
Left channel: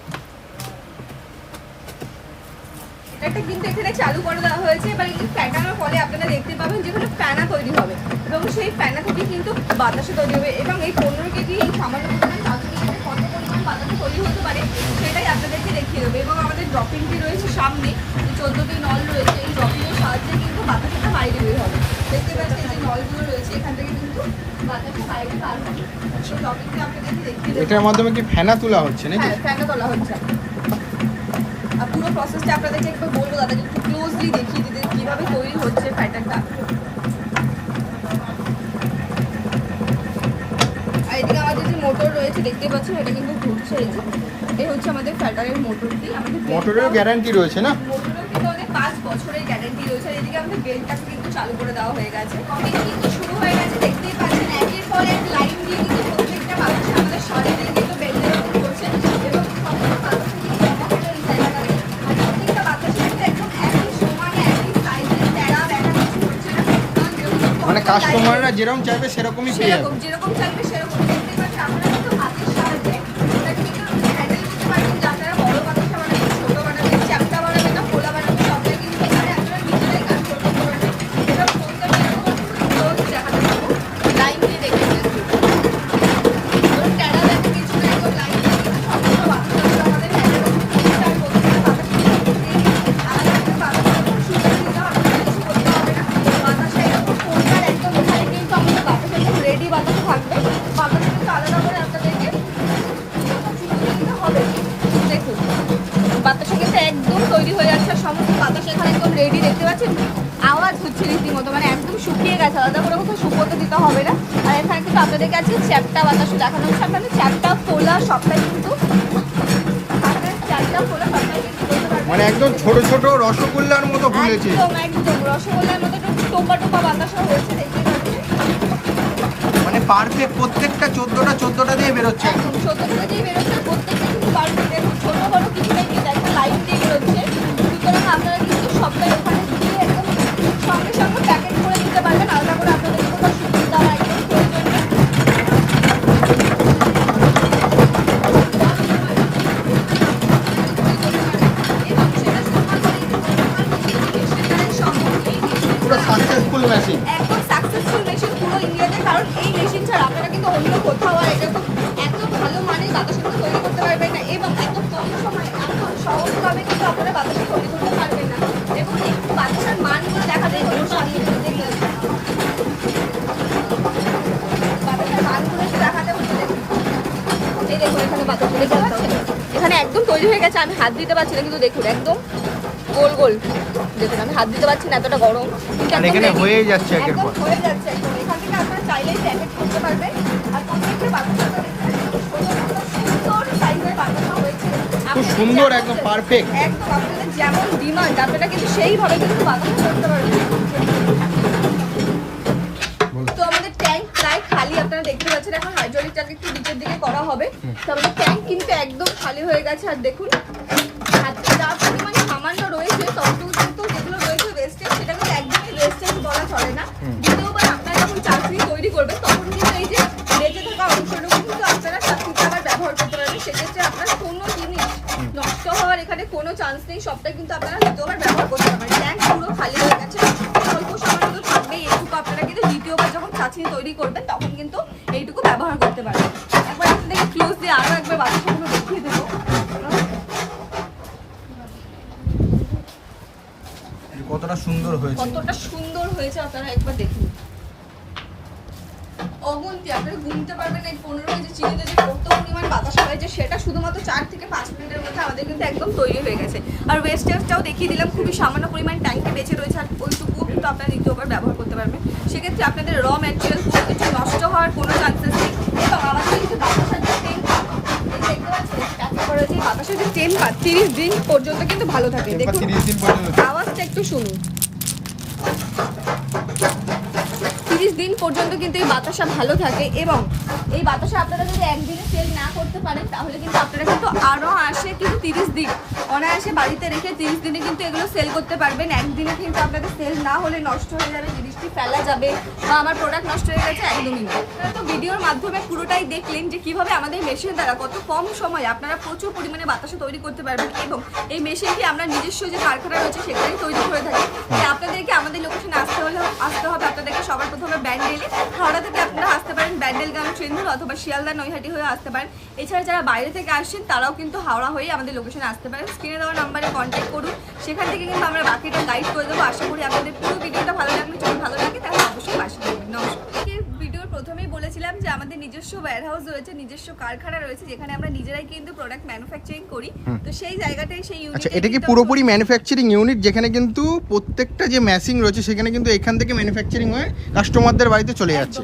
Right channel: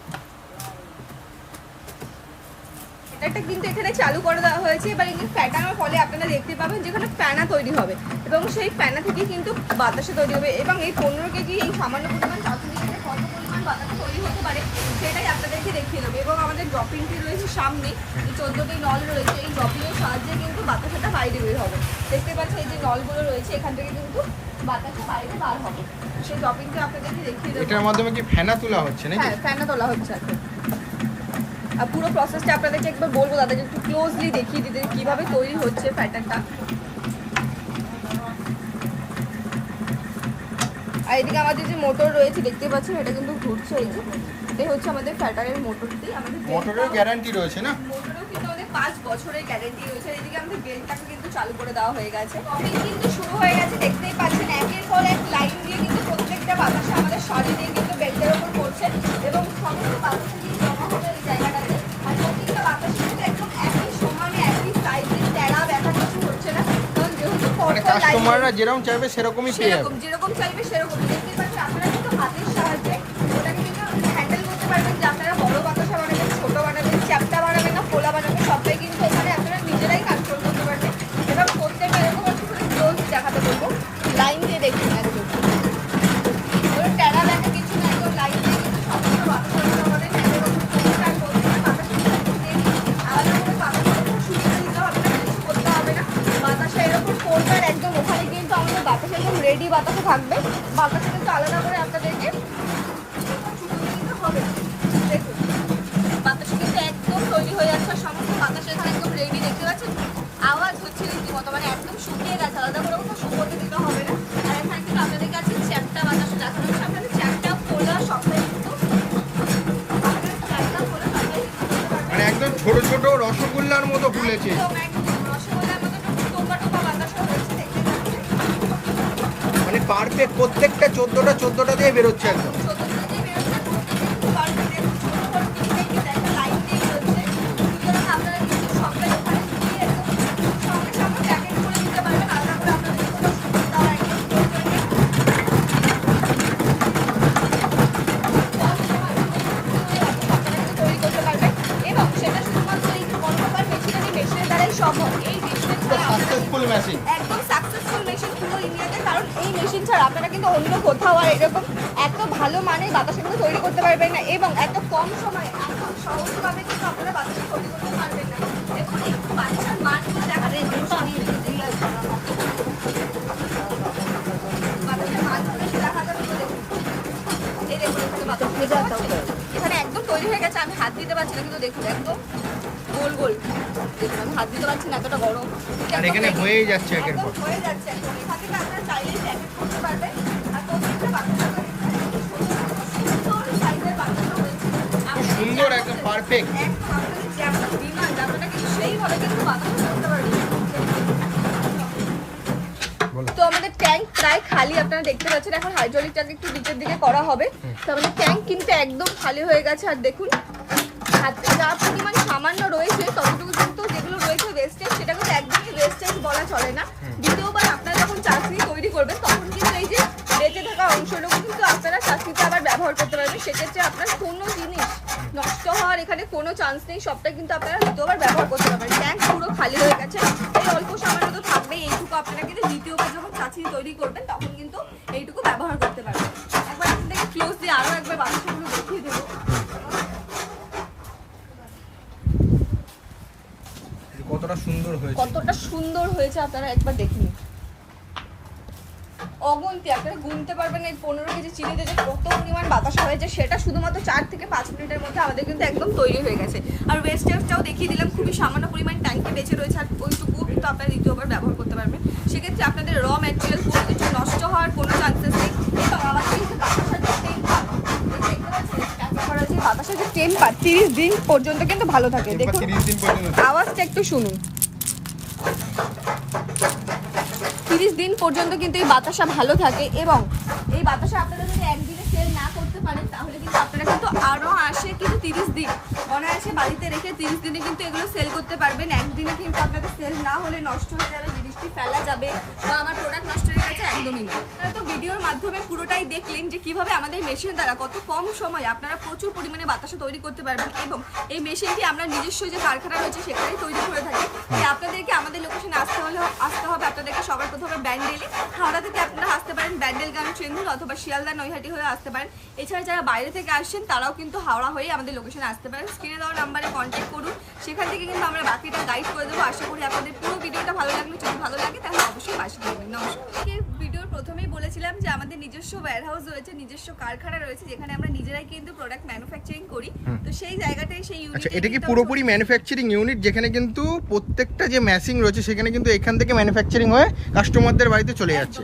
এটা কিন্তু এখানে চালু করে দেওয়া হয়েছে। এবার এই ফ্যাটানোর ফলে আপনারা দেখতে পাবেন যেখানে ফেনা তৈরি হবে এবং সেই ফেনা থেকে কিন্তু বাতাসা তৈরি হবে। এবং এই 15 কেজি এই সামান্য পরিমাণ চাটনি থেকে কত পরিমাণ বাতাসা তৈরি হতে পারে সেটাই আপনাদেরকে দেখিয়ে দেবো। এবং আমাদের ড্রপিংটি রয়েছে সামনে, 14টি নল রয়েছে, এই ড্রপিংয়ের সাহায্যে কিন্তু বাতাসাটা বাইরে বের হবে। দেখতে পাচ্ছেন এই যে নলগুলো রয়েছে, এখান থেকে কিন্তু বাতাসা বাইরে বার হবে। সেই ড্রপিংটা আপনাদেরকে দেখিয়ে দেবো। এটার মাধ্যমে কি ফেনা তোলা হচ্ছে নাকি? হ্যাঁ, ফেনা তোলা হচ্ছে। আর পুরো প্রসেসটা আপনাদেরকে একটু বলবো দাদা, একটু ক্লোজলি দেখিয়ে দিতে কিভাবে তৈরি হচ্ছে প্যাটার্নটা। আর এদিকে আমাদের যে মোটর রয়েছে দেখতে পাচ্ছেন, এটা কিন্তু ঘুরছে। এই যে এটা হচ্ছে আমাদের প্যাটার্নের মোটরটি। আমাদের মোটরেরও গ্যারান্টি রয়েছে না? মোটরেও কিন্তু আমাদের 5 বছরের গ্যারান্টি রয়েছে। আর এদিকে আমাদের বেল্টটাকে কিন্তু চালু করে দেওয়া হয়ে গেছে, অনেক কিন্তু শুরু হয়ে গেছে। দেখতেই পাচ্ছেন একের পর এক লাইন দিয়ে কিন্তু প্রত্যেকটা বাতাসা আমাদের সামনে দিয়ে কিন্তু বেল্টের উপর পড়ছে এবং সমস্ত বাতাসা কিন্তু জমা হলো এই জায়গাটাতে। প্রত্যেকটা বাতাসা কিন্তু একদম একই সমানে একই সাইজে তেড়া বেঁকা কিছু হচ্ছে না, মানে কাস্টমাররা যেরকম চাইবে সেরকমই পেয়ে যাবে। যেরকম চাইবে সেরকম দেখতে পাচ্ছেন। আমরা কিন্তু হাতের সাহায্যে এটা কিন্তু হ্যান্ডেল করতে পারবেন যে আপনারা বড় বাতাসা বানাবেন, ছোট বানাবেন, চ্যাপ্টা বানাবেন না খোলা বানাবেন, সবটাই কিন্তু এখানে আপনারা নিজেরাই কাজ করতে পারবেন। এবার করতে হবে এরকম ক্লোজ দেখাতে পারবো, লাইন দিয়ে দেখে নিচ্ছি। ওই টেরা দেখা কিছু না, একদম লাইন দিয়ে কিন্তু সমস্ত বাতাসাগুলো আমাদের হ্যান্ডেল করতে হবে। আর করতে হবে বাতাসা দিয়ে আলাদা করে বাতাসা শুকিয়ে দিতে হবে, কিছু করতে হবে না। বাতাসা এরকম কোনটার একদম এখানে কিন্তু আমাদের বাতাসা একদম রেডি বাতাসা থাকবে। বাতাসা কিন্তু আলাদা করে আপনাদেরকে শুকিয়ে দিতে হবে। দেখুন বাতাসা কিন্তু একদম তৈরি হয়ে যাচ্ছে, আর সমস্ত বাতাসা এখানে একদম রেডি। দেখতে পাচ্ছেন আওয়াজ হচ্ছে রীতিমতো, মানে একদম শুকিয়ে গেছে, আলাদা করে কোথাও শুকোতে দিতে হবে না। আর এখানে কিন্তু আপনাদের কাছে চ্যাপ্টা বাতাসা দেখানো হচ্ছে, আপনাদের চ্যাপ্টা তোলা সবটাই কিন্তু চ্যাপ্টা তোলা সবটাই কিন্তু করতে পারবেন। মানে একদম ছোট ছোট রসগোল্লার মতো ফুলেছে। একদম রসগোল্লার মতো টোপা টোপা বাতাসা হয়েছে। মানে পারফেক্ট, প্রত্যেকটা 14টা দিয়ে বেরোচ্ছে একদম। ছোট ছোট দিয়ে বেরোচ্ছে, প্রত্যেকটা কিন্তু পারফেক্ট এবং ছোট বড় কিছু নেই, যেটা একটা লাইন দিয়ে বেরোচ্ছে। সুতরাং আপনারা কিন্তু সবটাই এখানে দিয়ে একদম সঙ্গে সঙ্গে প্যাকেট করে দিতে পারবেন, আলাদা করে আপনাদের কোনো সুবিধা হয়। পুরো সাকসেসফুল মেশিন, একদম সাকসেসফুল মেশিন পুরো ইন্ডিয়াতে। কারণ এই মেশিন ছাড়া আপনারা কিন্তু অন্য কোথাও আর এরকম এত ভালো মানের বাতাসা তৈরি করতে পারবেন না, এবং এত কম সময়ে এত সহজভাবে কিন্তু আপনারা বাতাসা তৈরি করতে পারবেন না। এবং একটু বাতাসার মানগুলো দেখা যায় বাতাসার মানগুলো একটু দেখাতে হচ্ছে। এই দেখুন এখানে বাতাসা দেখতে পাচ্ছেন, এখানে একদম তৈরি হয়ে গেছে। আমি হাত দিতে পারছি না, কিন্তু দেখুন একদম গোল গোল। দেখুন আমি হাত দিতে পারছি না, এতটা গরম। আর এখানে হয়েই যাচ্ছে একের একদম পর। হয়ে যাচ্ছে। এখান থেকে আপনারা চাইলে প্যাকেট করতে পারবেন। আর প্রত্যেকটা বাতাসা সুন্দর সাইজের বাতাসা হয়েছে। খুব সুন্দর, একদম পারফেক্ট। একদম আপনাদের যেমন ডিমান্ড আপনারা কিন্তু সেইভাবে কিন্তু বাতাসা করতে পারবেন। তো আমাদের ট্যাঙ্ক প্রায় খালি, আপনারা দেখতে পাচ্ছেন। এখন হাইড্রোলিক ট্যাঙ্ক একটু নিচের দিকে করা হবে। তো আমাদের ট্যাঙ্ক কিন্তু একদম খালি হয়ে গেছে। আর দেখুন যা পরিমাণে সামান্য রয়েছে ততটুকু কিন্তু যেগুলো রয়েছে ওয়েস্টেজ, সেটা কিন্তু একদমই ওয়েস্টেজ বলা চলে না। দ্বিতীয়বার আপনারা যখন চাটনি তৈরি করবেন তখন কিন্তু এই যে বেঁচে থাকা অংশটুকু কিন্তু আপনারা চাটনিতে আবার ব্যবহার করতে পারবেন। সেক্ষেত্রে আপনারা কোনো জিনিস নষ্ট হওয়ার এখানে কোনো চান্স নেই, সবটা কিন্তু আপনারা দ্বিতীয়বার ব্যবহার করতে পারবেন। ট্যাঙ্ক পুরো খালি হয়ে গেছে, অল্প সময় কিন্তু থাকবে। এইটুকু আপনারা কিন্তু দ্বিতীয়বার যখন চাটনি তৈরি করবেন তখন কিন্তু এইটুকু ব্যবহার করতে পারবেন। একবার আপনাদেরকে ক্লোজ দিয়ে আরও একবার বাতাসাগুলো দেখিয়ে দেবো। কতটা সুন্দর হয়েছে, কতটা সুন্দর হয়েছে আপনারা একবার দেখুন। অগন্তি আপনারা গুনতে পারবেন না। এই 15 কেজি চিনিতে যে কত পরিমাণ বাতাসা হয়েছে, সেটা শুধুমাত্র 4 থেকে 5 মিনিটের মধ্যে আমাদের কিন্তু একদম তৈরি হয়ে গেছে। আর ওয়েস্টেজটাও দেখিয়ে দিলাম, খুবই সামান্য পরিমাণ ট্যাঙ্কে বেঁচে রয়েছে। আর ওইটুকুও কিন্তু আপনারা দ্বিতীয়বার ব্যবহার করতে পারবেন। সেক্ষেত্রে আপনাদের র ম্যাটেরিয়াল কোনো কিছু নষ্ট হওয়ার কোনো চান্সেস নেই। এবং আমাদের কিন্তু বাতাসার যে টেম্পার, এই দেখতে পাচ্ছেন প্যাকেট করা যে বাতাসার যে টেম্পার 30 দিন পর্যন্ত কিন্তু ভালো থাকে। দেখুন 30 দিন পর্যন্ত আওয়াজটা একটু শুনুন। 30 দিন পর্যন্ত কিন্তু এই বাতাসা ভালো থাকে। এবং এই বাতাসা আপনারা যদি একদিনে সেল না করতে পারেন তাহলে কিন্তু আপনারা কিন্তু আরও আসে কিন্তু 30 দিন অনায়াসে বাড়িতে রেখে 30 দিনে কিন্তু এগুলো সেল করতে পারবেন। একদিনে কিন্তু আপনাদের সেল না হলে নষ্ট হয়ে যাবে, জিনিসটি ফেলা যাবে বা আমার প্রোডাক্ট নষ্ট হয়ে গেছে, একদমই না। আপনারা তো ভিডিওর মাধ্যমে পুরোটাই দেখলেন যে কিভাবে আমাদের মেশিন দ্বারা কত কম সময় আপনারা প্রচুর পরিমাণে বাতাসা তৈরি করতে পারবেন। এবং এই মেশিনটি আমরা নিজস্ব যে কারখানা রয়েছে সেখানেই তৈরি করে থাকি। তাই আপনাদেরকে আমাদের লোকেশনে আসতে হবে। আপনাদেরকে সবার প্রথমে ব্যান্ডেলে, হাওড়া থেকে আপনারা আসতে পারেন ব্যান্ডেলগাঁও ট্রেনধর, অথবা শিয়ালদা নৈহাটি হয়ে আসতে পারেন। এছাড়া যারা বাইরে থেকে আসছেন তারাও কিন্তু হাওড়া হয়ে আমাদের লোকেশনে আসতে পারেন। স্ক্রিনে দেওয়া নাম্বারে কন্ট্যাক্ট করুন, সেখান থেকে কিন্তু আমরা বাকিটা গাইড করে দেবো। আশা করি আপনাদের পুরো ভিডিওটা ভালো লাগলে, যদি ভালো লাগে তাহলে অবশ্যই পাশে থাকবেন। নমস্কার। ভিডিওর প্রথমেই বলেছিলাম যে আমাদের নিজস্ব ওয়্যারহাউস রয়েছে, নিজস্ব কারখানা রয়েছে, যেখানে আমরা নিজেরাই কিন্তু প্রোডাক্ট ম্যানুফ্যাকচারিং করি। তো সেই জায়গাটাই সেই আচ্ছা, ইউনিট। এটা কি পুরোপুরি ম্যানুফ্যাকচারিং ইউনিট, যেখানে কিন্তু প্রত্যেকটা যে মেশিন রয়েছে সেখানে কিন্তু এখান থেকে ম্যানুফ্যাকচারিং হয়ে কাস্টমারদের বাড়িতে চলে যাচ্ছে,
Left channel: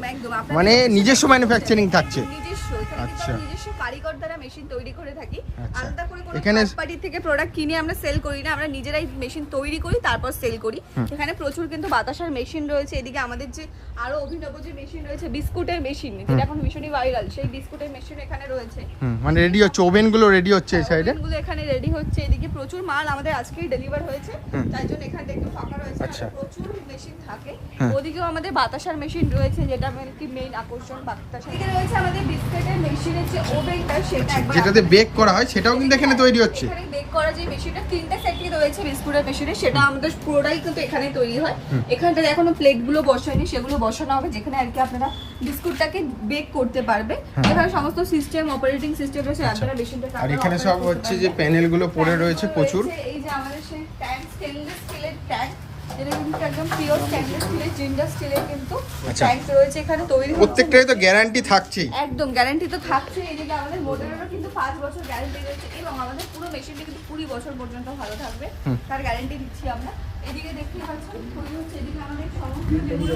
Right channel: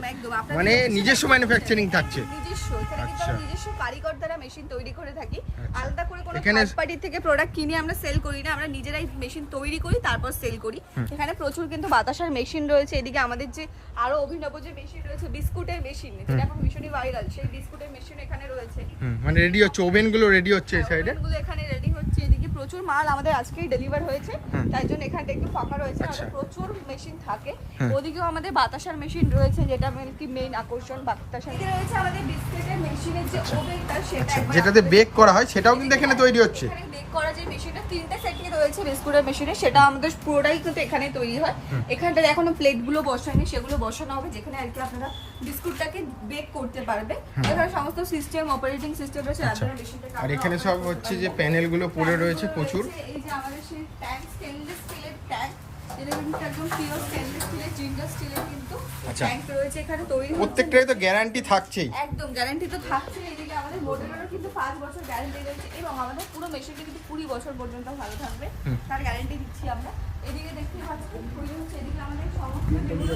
মানে নিজস্ব ম্যানুফ্যাকচারিং থাকছে। নিজস্ব, আচ্ছা, নিজস্ব কারিগর দ্বারা মেশিন তৈরি করে থাকি। আচ্ছা, আলাদা করে কোনো এখানে কোম্পানি থেকে প্রোডাক্ট কিনে আমরা সেল করি না, আমরা নিজেরাই মেশিন তৈরি করি তারপর সেল করি। এখানে প্রচুর কিন্তু বাতাসার মেশিন রয়েছে। এদিকে আমাদের যে আরো অভিনব যে মেশিন রয়েছে, বিস্কুটের মেশিন, যেটা এখন ভীষণই ভাইরাল, সেই বিস্কুটের মেশিন এখানে রয়েছে। মানে রেডি হচ্ছে, ওভেন গুলো রেডি হচ্ছে এই সাইডে, ওভেনগুলো এখানে রেডি হচ্ছে। এদিকে প্রচুর মাল আমাদের আজকেই ডেলিভার হয়েছে, তাই জন্য এখানে একটু ফাঁকা রয়েছে। আচ্ছা, প্রচুর মেশিন থাকে। ওদিকেও আমাদের বাতাসার মেশিন রয়েছে, যেটা একটি মেইন আকর্ষণ বাতাসা। এখানে রয়েছে আমাদের বিস্কুটের মেশিনের যে ওভেনটা, সেটা একবার যেটাতে বেক করা হয় সেটাও কিন্তু এখানে তৈরি হচ্ছে। এখানে বেক করা যে মেশিনটা 3টা সেটই রয়েছে বিস্কুটের মেশিনে, সেটা আমাদের পুরোটাই কিন্তু এখানে তৈরি হয়। এখানটাতে এখনো প্লেটগুলো বসায়নি, সেগুলো বসানো হবে, যেখানে আর কি আপনারা বিস্কুটটাকে বেক করতে পারবে। এখানে সমস্ত সিস্টেম, অপারেটিং সিস্টেম রয়েছে। আপনারা মেশিনটা আর এখানে সব হচ্ছে যে প্যানেল গুলো পড়ে রয়েছে প্রচুর। এই যে আমাদের সেই ট্যাঙ্ক, স্টেনলেস স্টিলের ট্যাঙ্ক, এটা কিন্তু একদম পিওর স্টেনলেস স্টিলের, জিন্ডার স্টিলের কিন্তু আচ্ছা, ট্যাঙ্ক রয়েছে এখানে তৈরি। প্রত্যেকটাই তো গ্যারান্টি থাকছেই, একদম গ্যারান্টি তো থাকছে। এদিকে আমাদের মোটরেরও কিন্তু 5 বছর গ্যারান্টি রয়েছে, এবং আমাদের পুরো মেশিনটা কিন্তু 20 বছর পর্যন্ত ভালো থাকবে, তার গ্যারান্টি দিচ্ছি আমরা। এদিকে দেখতে পাচ্ছেন তৈরি হচ্ছে, এদিকে আমাদের সমস্ত যেগুলো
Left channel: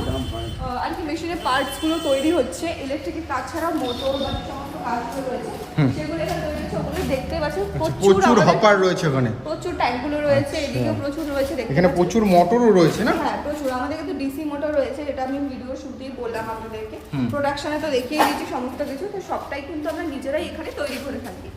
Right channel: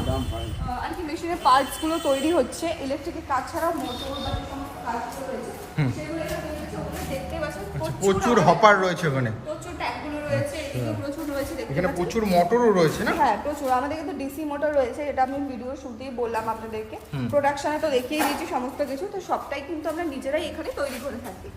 আর কি মেশিনের পার্টসগুলো তৈরি হচ্ছে, ইলেকট্রিকের কাজ ছাড়াও মোটর বা যে সমস্ত কাজগুলো রয়েছে সেগুলো এখানে তৈরি হচ্ছে। ওগুলো দেখতে পাচ্ছেন প্রচুর হপার রয়েছে ওখানে, প্রচুর ট্যাঙ্কগুলো রয়েছে, এদিকেও প্রচুর রয়েছে। এখানে প্রচুর মোটরও রয়েছে না? হ্যাঁ, প্রচুর। আমাদের কিন্তু ডিসি মোটর রয়েছে, এটা আমি ভিডিও শুটেই বললাম আপনাদেরকে। প্রোডাকশনে তো দেখিয়ে দিয়েছি সমস্ত কিছু। তো সবটাই কিন্তু আমরা নিজেরাই এখানে তৈরি করে থাকি।